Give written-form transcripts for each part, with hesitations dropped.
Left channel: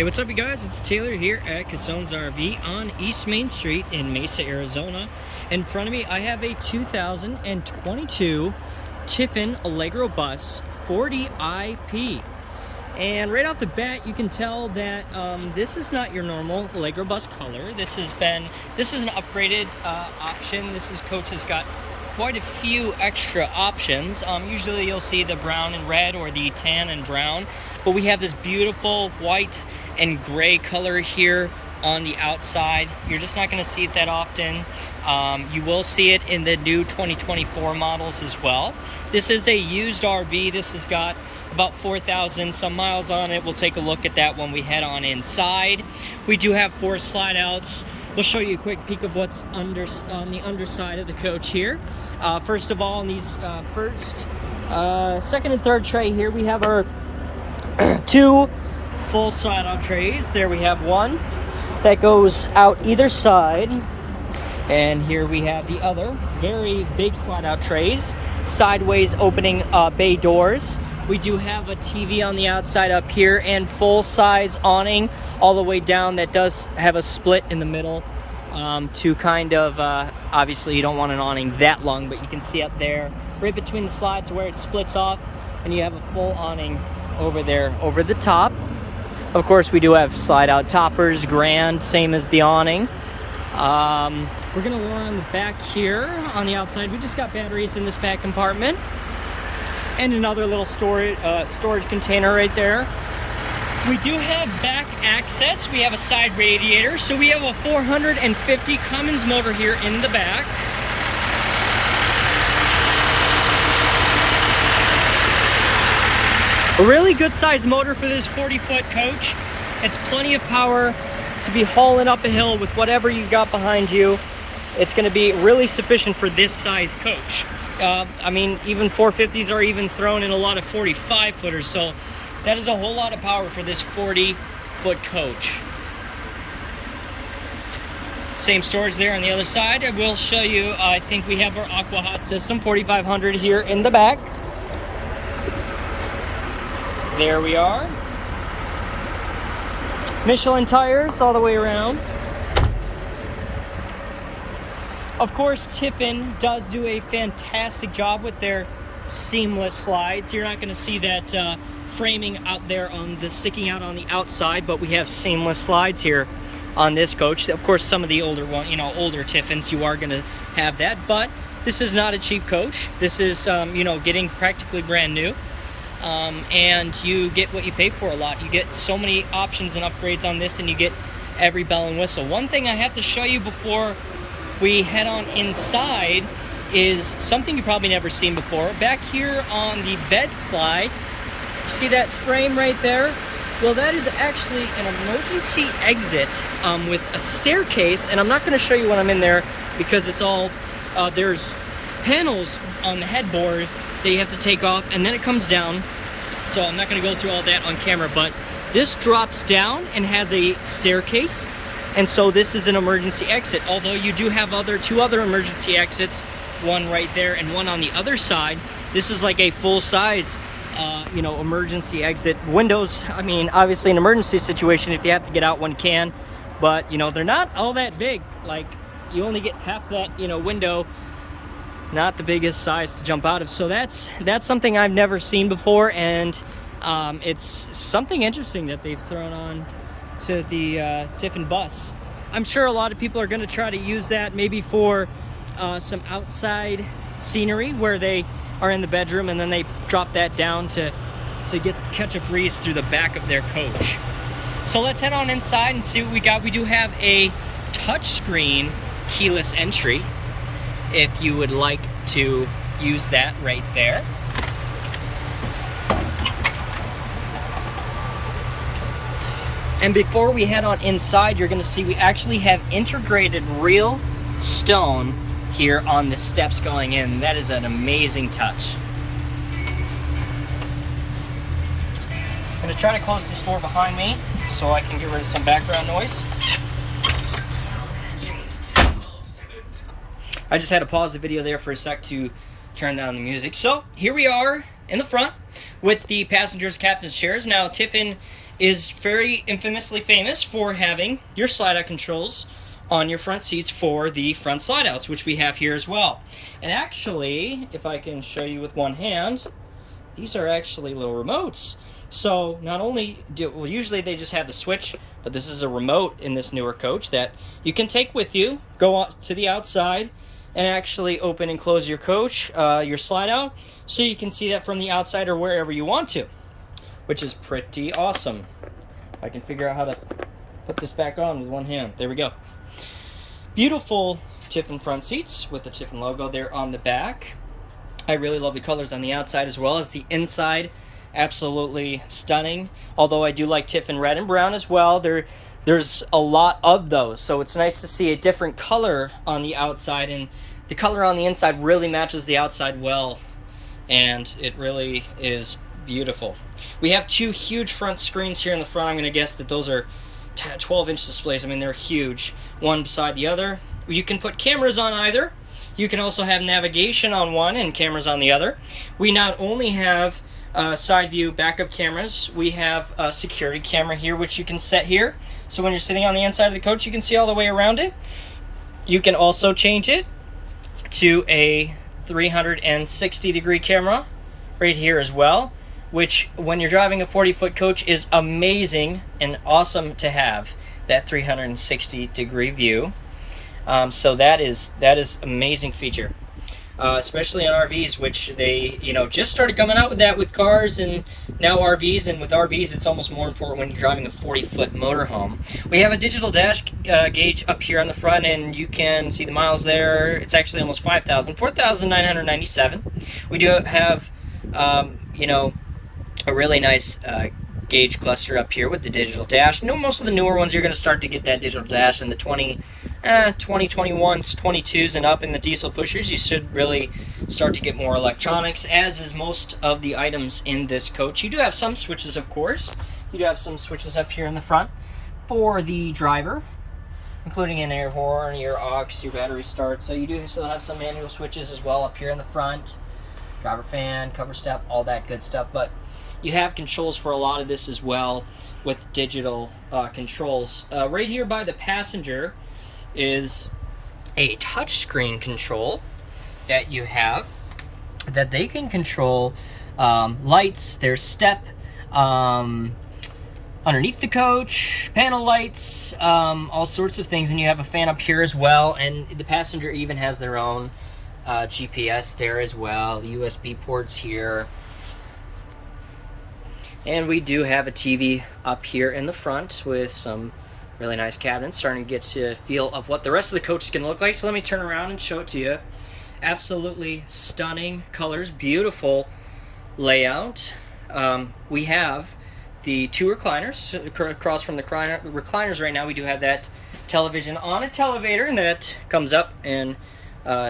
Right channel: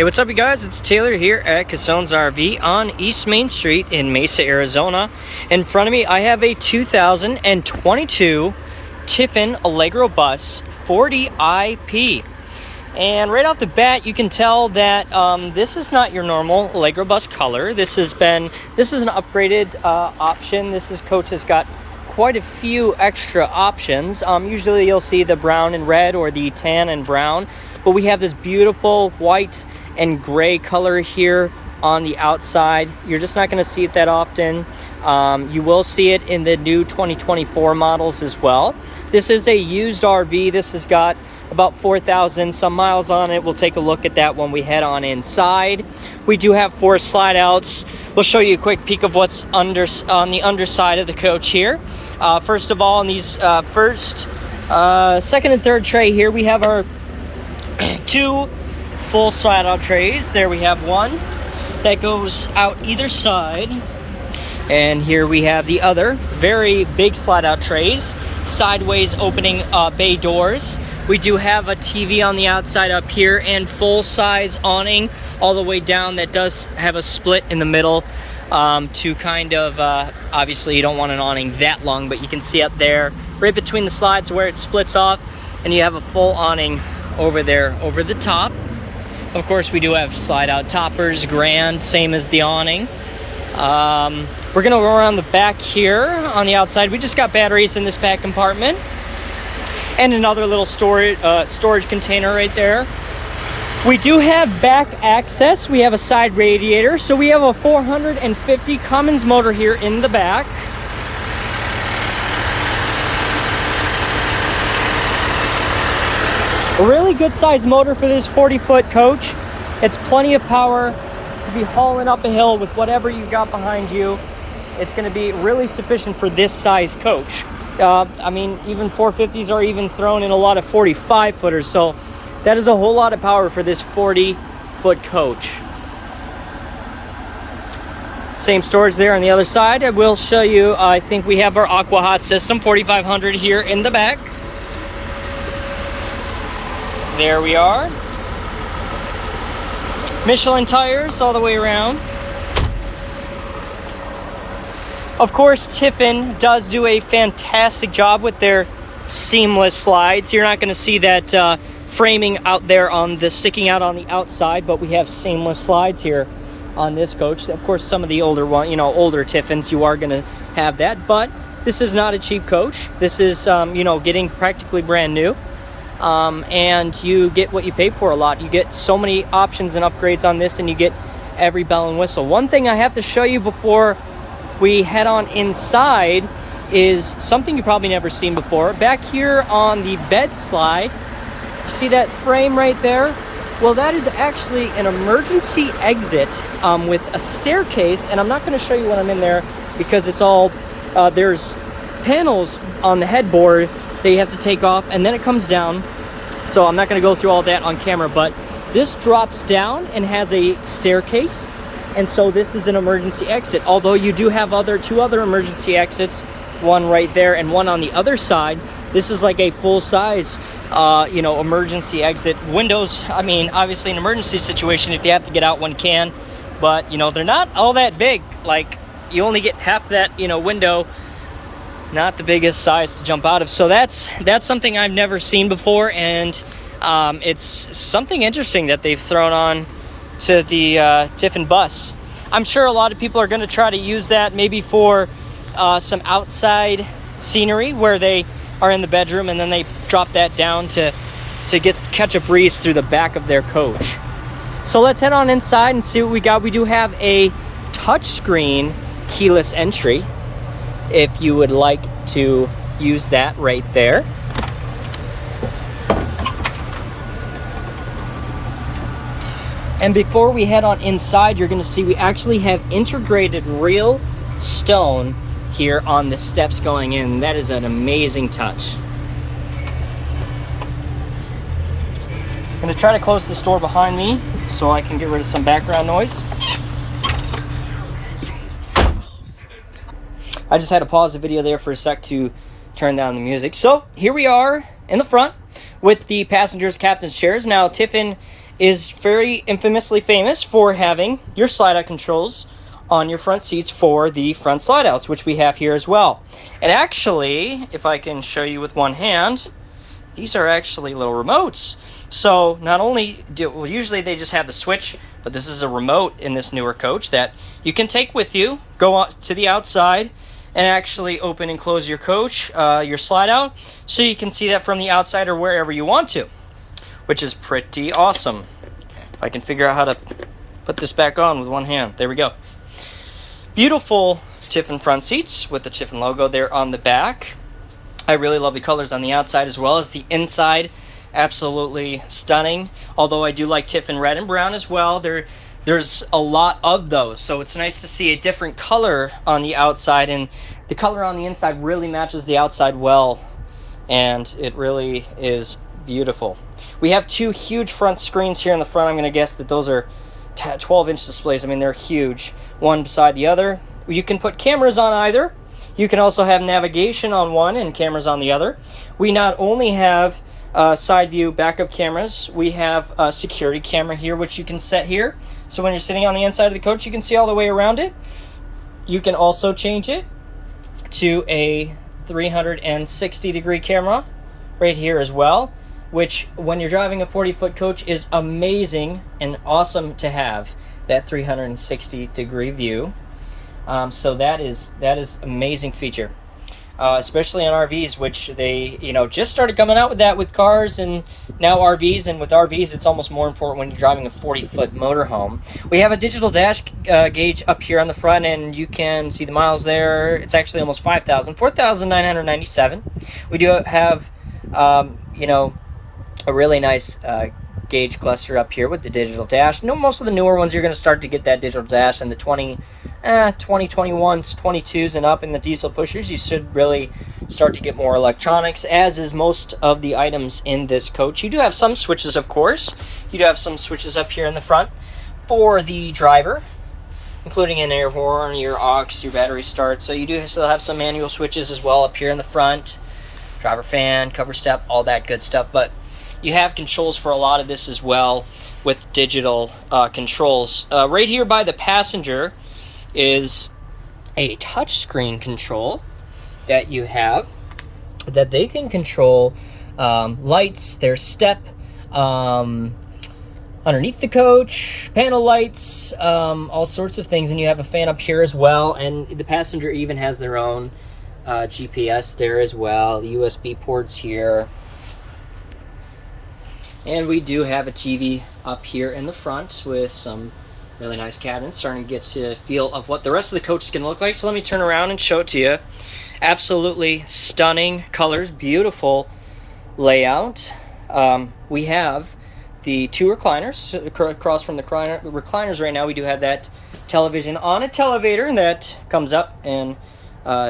Hey, what's up, you guys? It's Taylor here at Casone's RV on East Main Street in Mesa, Arizona. In front of me, I have a 2022 Tiffin Allegro Bus 40IP. And right off the bat, you can tell that this is not your normal Allegro Bus color. This is an upgraded option. Coach has got quite a few extra options. Usually you'll see the brown and red or the tan and brown, but we have this beautiful white and gray color here on the outside. You're just not going to see it that often. You will see it in the new 2024 models as well. This is a used RV. This has got about 4,000 some miles on it. We'll take a look at that when we head on inside. We do have 4 slide outs. We'll show you a quick peek of what's on the underside of the coach here. First of all, in these second and third tray here, we have our 2 full slide out trays. There we have one that goes out either side, and here we have the other very big slide out trays, sideways opening bay doors. We do have a TV on the outside up here and full size awning all the way down that does have a split in the middle to kind of obviously you don't want an awning that long, but you can see up there right between the slides where it splits off, and you have a full awning over there over the top. Of course, we do have slide out toppers, grand, same as the awning. We're gonna go around the back here on the outside. We just got batteries in this back compartment and another little storage container right there. We do have back access. We have a side radiator, so we have a 450 Cummins motor here in the back. A really good sized motor for this 40-foot coach. It's plenty of power to be hauling up a hill with whatever you got behind you. It's going to be really sufficient for this size coach. I mean, even 450s are even thrown in a lot of 45-footers, so that is a whole lot of power for this 40-foot coach. Same storage there on the other side. I will show you, I think we have our Aqua Hot system, 4500 here in the back. There we are. Michelin tires all the way around. Of course, Tiffin does do a fantastic job with their seamless slides. You're not going to see that framing out there sticking out on the outside, but we have seamless slides here on this coach. Of course, some of the older older Tiffins, you are going to have that, but this is not a cheap coach. This is getting practically brand new. And you get what you pay for a lot. You get so many options and upgrades on this, and you get every bell and whistle. One thing I have to show you before we head on inside is something you've probably never seen before. Back here on the bed slide, you see that frame right there? Well, that is actually an emergency exit with a staircase, and I'm not going to show you when I'm in there because it's all, there's panels on the headboard that you have to take off, and then it comes down. So I'm not going to go through all that on camera, but this drops down and has a staircase, and so this is an emergency exit. Although you do have 2 other emergency exits, one right there and one on the other side. This is like a full-size emergency exit. Windows, I mean, obviously an emergency situation, if you have to get out, one can, but they're not all that big. Like, you only get half that window, not the biggest size to jump out of. So that's something I've never seen before, and it's something interesting that they've thrown on to the Tiffin bus. I'm sure a lot of people are going to try to use that maybe for some outside scenery where they are in the bedroom and then they drop that down to catch a breeze through the back of their coach. So let's head on inside and see what we got. We do have a touchscreen keyless entry if you would like to use that right there. And before we head on inside, you're going to see we actually have integrated real stone here on the steps going in. That is an amazing touch. I'm going to try to close this door behind me so I can get rid of some background noise. I just had to pause the video there for a sec to turn down the music. So here we are in the front. with the passengers' captain's chairs. Now, Tiffin is very infamously famous for having your slide-out controls on your front seats for the front slide-outs, which we have here as well. And actually, if I can show you with one hand, these are actually little remotes. So not only well, usually they just have the switch, but this is a remote in this newer coach that you can take with you, go out to the outside, and actually open and close your coach, your slide out, so you can see that from the outside or wherever you want to, which is pretty awesome. If I can figure out how to put this back on with one hand. There we go. Beautiful Tiffin front seats with the Tiffin logo there on the back. I really love the colors on the outside as well as the inside. Absolutely stunning. Although I do like Tiffin red and brown as well. There's a lot of those, so it's nice to see a different color on the outside, and the color on the inside really matches the outside well, and it really is beautiful. We have two huge front screens here in the front. I'm going to guess that those are 12-inch displays. I mean, they're huge, one beside the other. You can put cameras on either. You can also have navigation on one and cameras on the other. We not only have side view backup cameras, we have a security camera here which you can set here, so when you're sitting on the inside of the coach you can see all the way around it. You can also change it to a 360 degree camera right here as well, which when you're driving a 40-foot coach is amazing and awesome to have that 360 degree view. So that is amazing feature. Especially on RVs, which they, just started coming out with that with cars and now RVs. And with RVs, it's almost more important when you're driving a 40-foot motorhome. We have a digital dash gauge up here on the front, and you can see the miles there. It's actually almost 5,000, 4,997. We do have, a really nice gauge cluster up here with the digital dash. Most of the newer ones, you're going to start to get that digital dash in the 2021s, 22s and up in the diesel pushers. You should really start to get more electronics, as is most of the items in this coach. You do have some switches, of course. You do have some switches up here in the front for the driver, including an air horn, your aux, your battery start. So you do still have some manual switches as well up here in the front. Driver fan, cover step, all that good stuff. But you have controls for a lot of this as well with digital controls. Right here by the passenger is a touchscreen control that you have that they can control lights, their step, underneath the coach, panel lights, all sorts of things. And you have a fan up here as well, and the passenger even has their own GPS there as well, USB ports here. And we do have a TV up here in the front with some really nice cabinets, starting to get to feel of what the rest of the coach is going to look like. So let me turn around and show it to you. Absolutely stunning colors, beautiful layout. We have the two recliners across from the recliners. Right now we do have that television on a televator that comes up and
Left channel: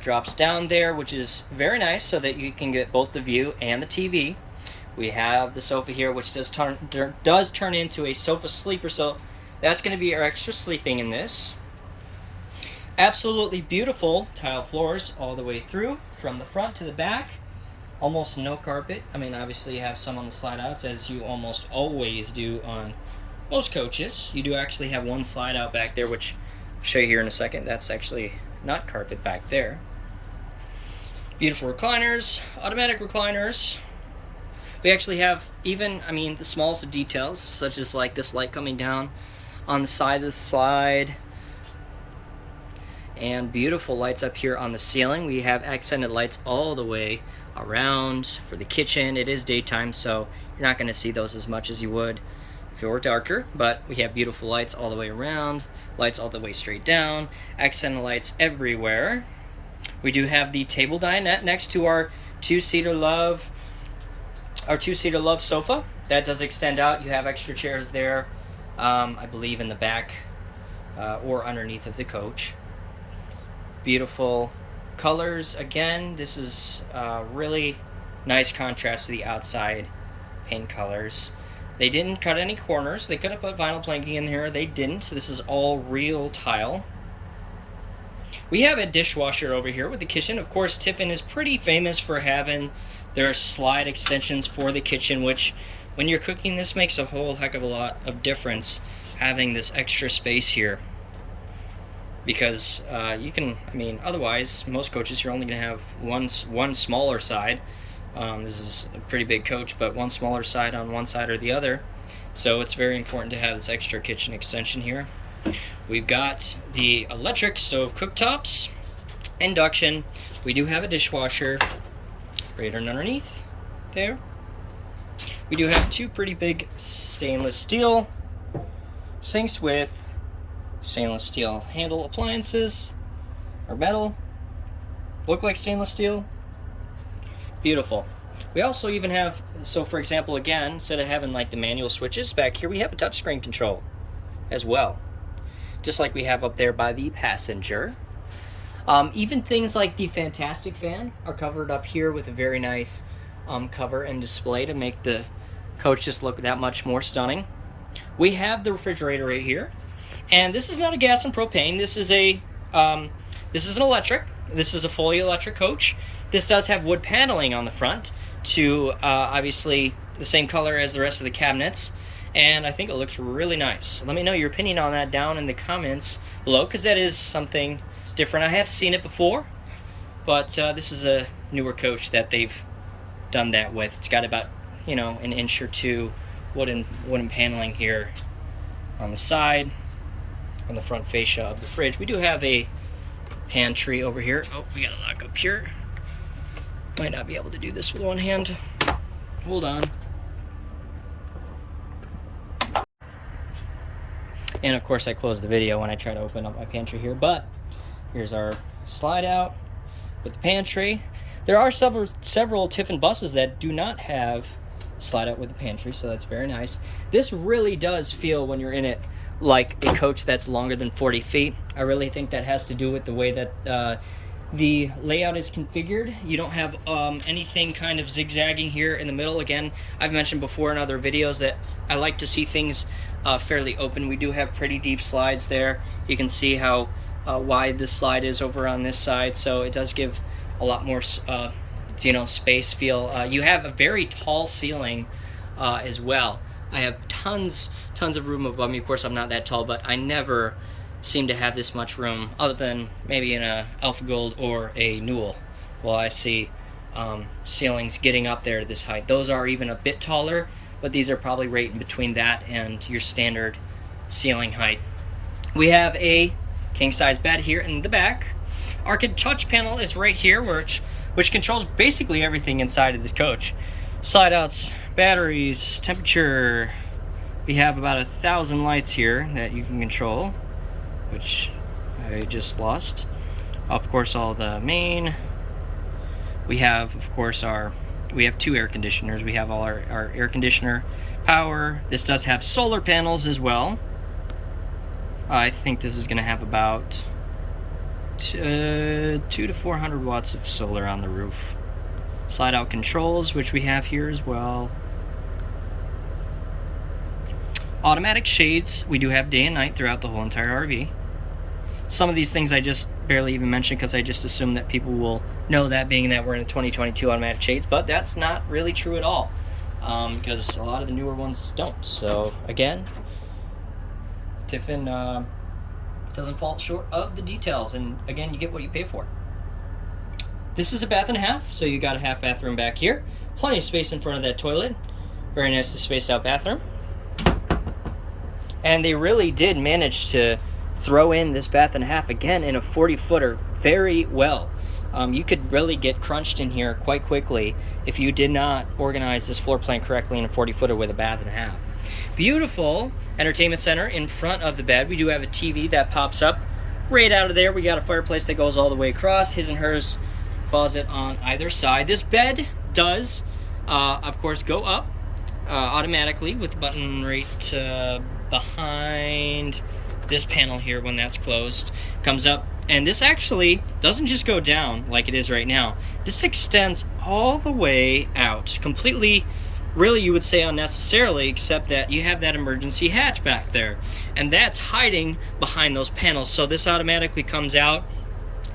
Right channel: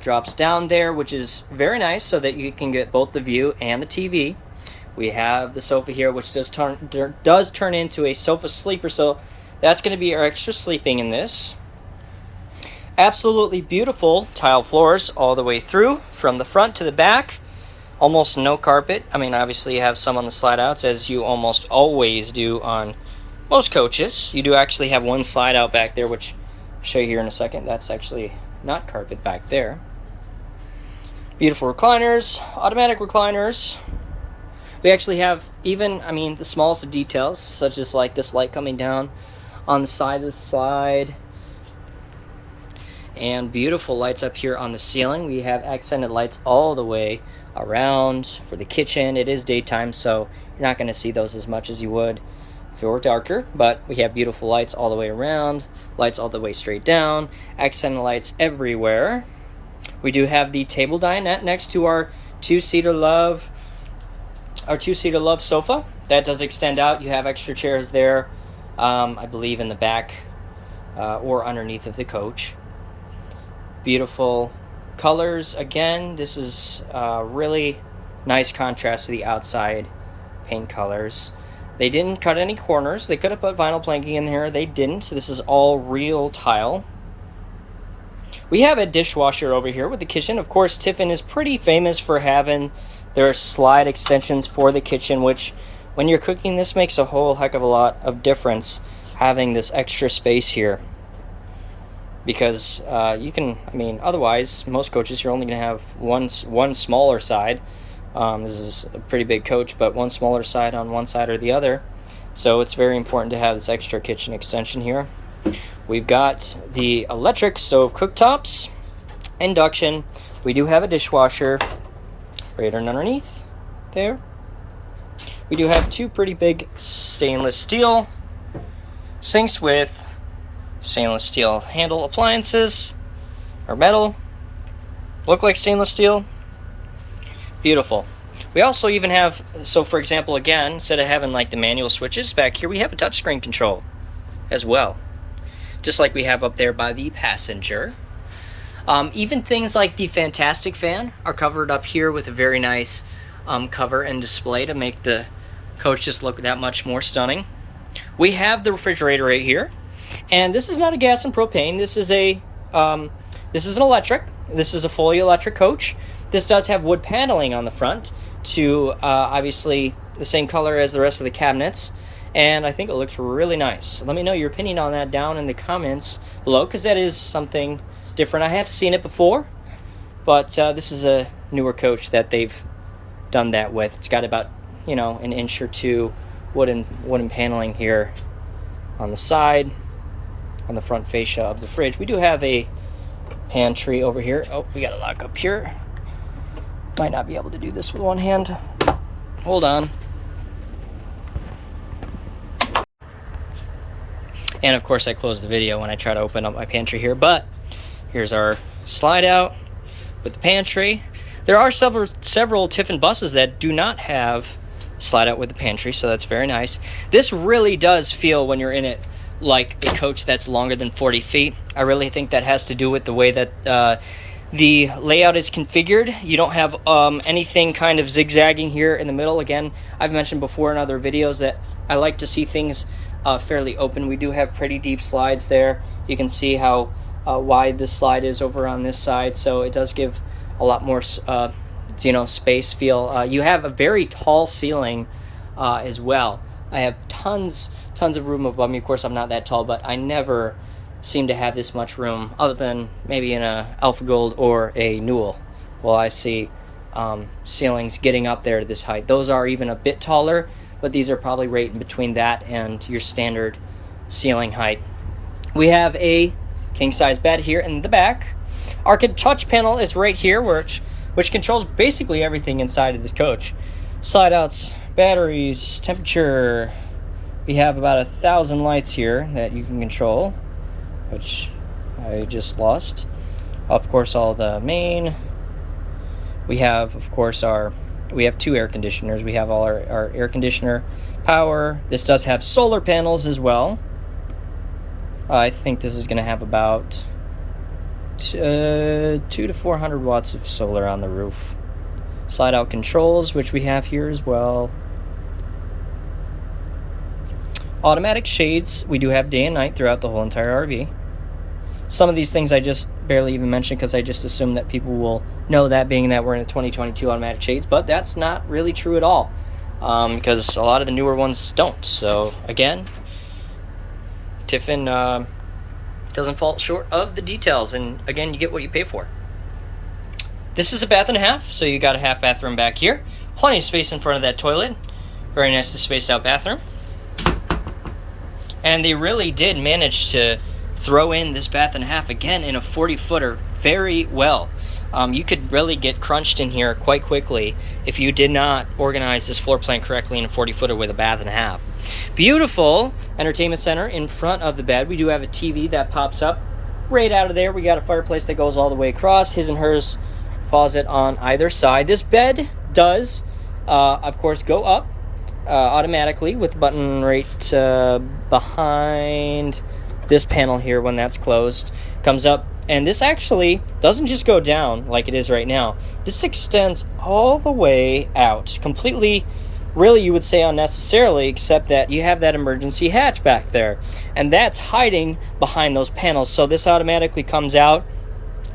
drops down there, which is very nice, so that you can get both the view and the TV. We have the sofa here, which does turn into a sofa sleeper, so that's going to be our extra sleeping in this. Absolutely beautiful tile floors all the way through, from the front to the back. Almost no carpet. I mean, obviously you have some on the slide outs, as you almost always do on most coaches. You do actually have one slide out back there, which I'll show you here in a second. That's actually not carpet back there. Beautiful recliners, automatic recliners. We actually have even, the smallest of details, such as like this light coming down on the side of the slide. And beautiful lights up here on the ceiling. We have accented lights all the way around for the kitchen. It is daytime, so you're not going to see those as much as you would if it were darker. But we have beautiful lights all the way around, lights all the way straight down, accented lights everywhere. We do have the table dinette next to our two-seater love sofa. That does extend out. You have extra chairs there, I believe in the back or underneath of the coach. Beautiful colors. Again, this is really nice contrast to the outside paint colors. They didn't cut any corners. They could have put vinyl planking in here. They didn't. So this is all real tile. We have a dishwasher over here with the kitchen. Of course, Tiffin is pretty famous for having There are slide extensions for the kitchen, which when you're cooking, this makes a whole heck of a lot of difference, having this extra space here. Because you can, I mean, otherwise, most coaches, you're only going to have one smaller side. This is a pretty big coach, but one smaller side on one side or the other. So it's very important to have this extra kitchen extension here. We've got the electric stove cooktops, induction. We do have a dishwasher right underneath there. We do have two pretty big stainless steel sinks with stainless steel handle appliances, or metal. Look like stainless steel. Beautiful. We also even have, so for example, again, instead of having like the manual switches back here, we have a touchscreen control as well, just like we have up there by the passenger. Even things like the Fantastic fan are covered up here with a very nice cover and display to make the coach just look that much more stunning. We have the refrigerator right here, and this is not a gas and propane. This is an electric. This is a fully electric coach. This does have wood paneling on the front to obviously the same color as the rest of the cabinets, and I think it looks really nice. Let me know your opinion on that down in the comments below, because that is something different. I have seen it before, but this is a newer coach that they've done that with. It's got about, you know, an inch or two wooden paneling here on the side, on the front fascia of the fridge. We do have a pantry over here. Oh, we got a lock up here. Might not be able to do this with one hand. Hold on. And of course I close the video when I try to open up my pantry here, but here's our slide out with the pantry. There are several Tiffin buses that do not have slide out with the pantry, so that's very nice. This really does feel, when you're in it, like a coach that's longer than 40 feet. I really think that has to do with the way that the layout is configured. You don't have anything kind of zigzagging here in the middle. Again, I've mentioned before in other videos that I like to see things fairly open. We do have pretty deep slides there. You can see how wide this slide is over on this side, so it does give a lot more you know, space feel. You have a very tall ceiling as well. I have tons of room above me. Of course, I'm not that tall, but I never seem to have this much room, other than maybe in a Alpha Gold or a Newell. Well, I see ceilings getting up there to this height. Those are even a bit taller, but these are probably right in between that and your standard ceiling height. We have a king-size bed here in the back. Our touch panel is right here, which controls basically everything inside of this coach. Slide outs, batteries, temperature. We have about 1,000 lights here that you can control, which I just lost. Of course, all the main. We have, of course, we have two air conditioners. We have all our air conditioner power. This does have solar panels as well. I think this is going to have about 200 to 400 watts of solar on the roof. Slide out controls, which we have here as well. Automatic shades. We do have day and night throughout the whole entire RV. Some of these things I just barely even mentioned because I just assume that people will know that, being that we're in a 2022 automatic shades, but that's not really true at all, because a lot of the newer ones don't. So again, Tiffin doesn't fall short of the details, and again, you get what you pay for. This is a bath and a half, so you got a half bathroom back here. Plenty of space in front of that toilet. Very nicely spaced out bathroom. And they really did manage to throw in this bath and a half again in a 40-footer very well. You could really get crunched in here quite quickly if you did not organize this floor plan correctly in a 40-footer with a bath and a half. Beautiful entertainment center in front of the bed. We do have a TV that pops up right out of there. We got a fireplace that goes all the way across. His and hers closet on either side. This bed does, of course, go up automatically with the button right behind this panel here. When that's closed, comes up, and this actually doesn't just go down like it is right now. This extends all the way out completely, really you would say unnecessarily, except that you have that emergency hatch back there, and that's hiding behind those panels. So this automatically comes out,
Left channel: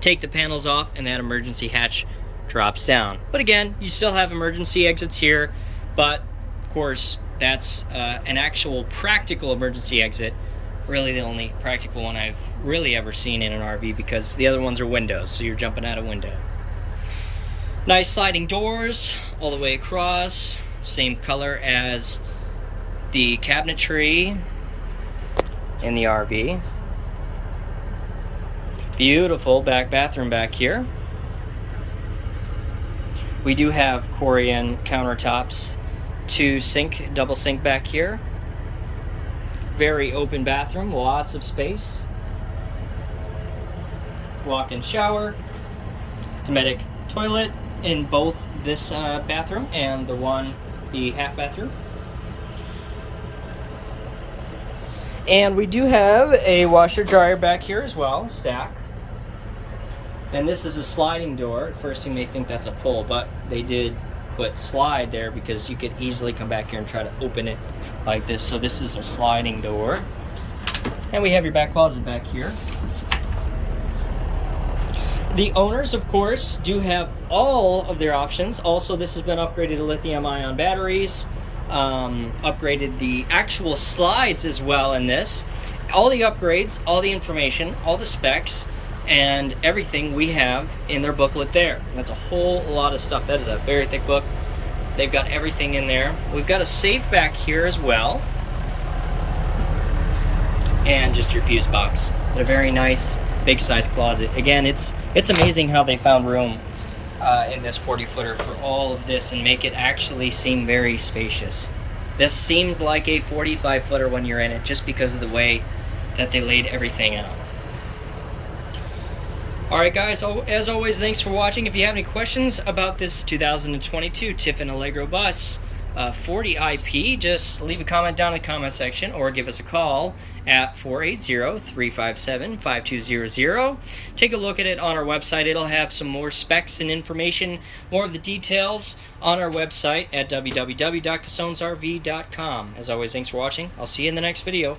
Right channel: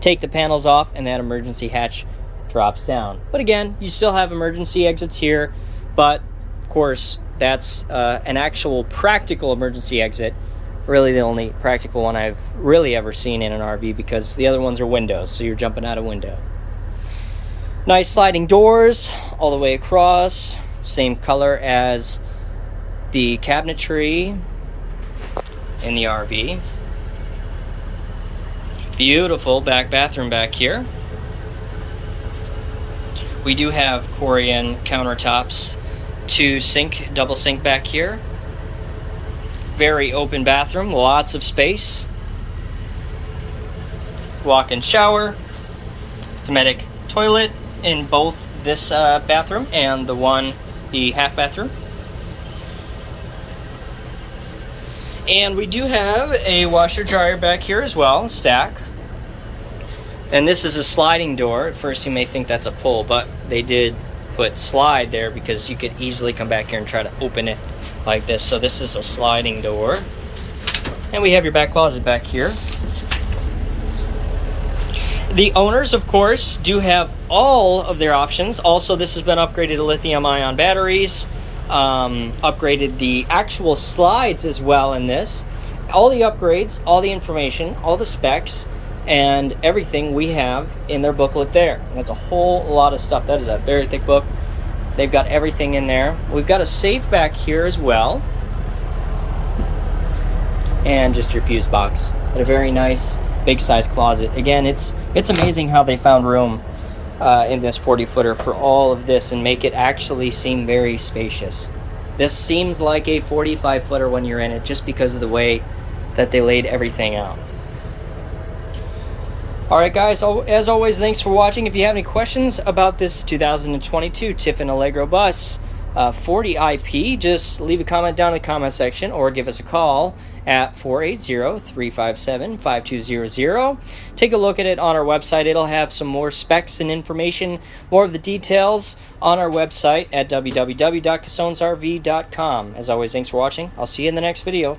take the panels off, and that emergency hatch drops down. But again, you still have emergency exits here, but of course that's an actual practical emergency exit. Really the only practical one I've really ever seen in an RV, because the other ones are windows, so you're jumping out a window. Nice sliding doors all the way across, same color as the cabinetry in the RV. Beautiful back bathroom back here. We do have Corian countertops, 2 sink, double sink back here. Very open bathroom, lots of space. Walk-in shower, Dometic toilet in both this bathroom and the half bathroom. And we do have a washer dryer back here as well, stack. And this is a sliding door. At first you may think that's a pull, but they did put slide there because you could easily come back here and try to open it like this. So this is a sliding door. And we have your back closet back here. The owners, of course, do have all of their options. Also, this has been upgraded to lithium-ion batteries. Upgraded the actual slides as well in this. All the upgrades, all the information, all the specs, and everything we have in their booklet there. And that's a whole lot of stuff. That is a very thick book. They've got everything in there. We've got a safe back here as well. And just your fuse box. But a very nice big size closet. Again, it's amazing how they found room in this 40-footer for all of this and make it actually seem very spacious. This seems like a 45-footer when you're in it, just because of the way that they laid everything out. Alright guys, as always, thanks for watching. If you have any questions about this 2022 Tiffin Allegro Bus 40 IP, just leave a comment down in the comment section or give us a call at 480-357-5200. Take a look at it on our website. It'll have some more specs and information, more of the details on our website at www.casonesrv.com. As always, thanks for watching. I'll see you in the next video.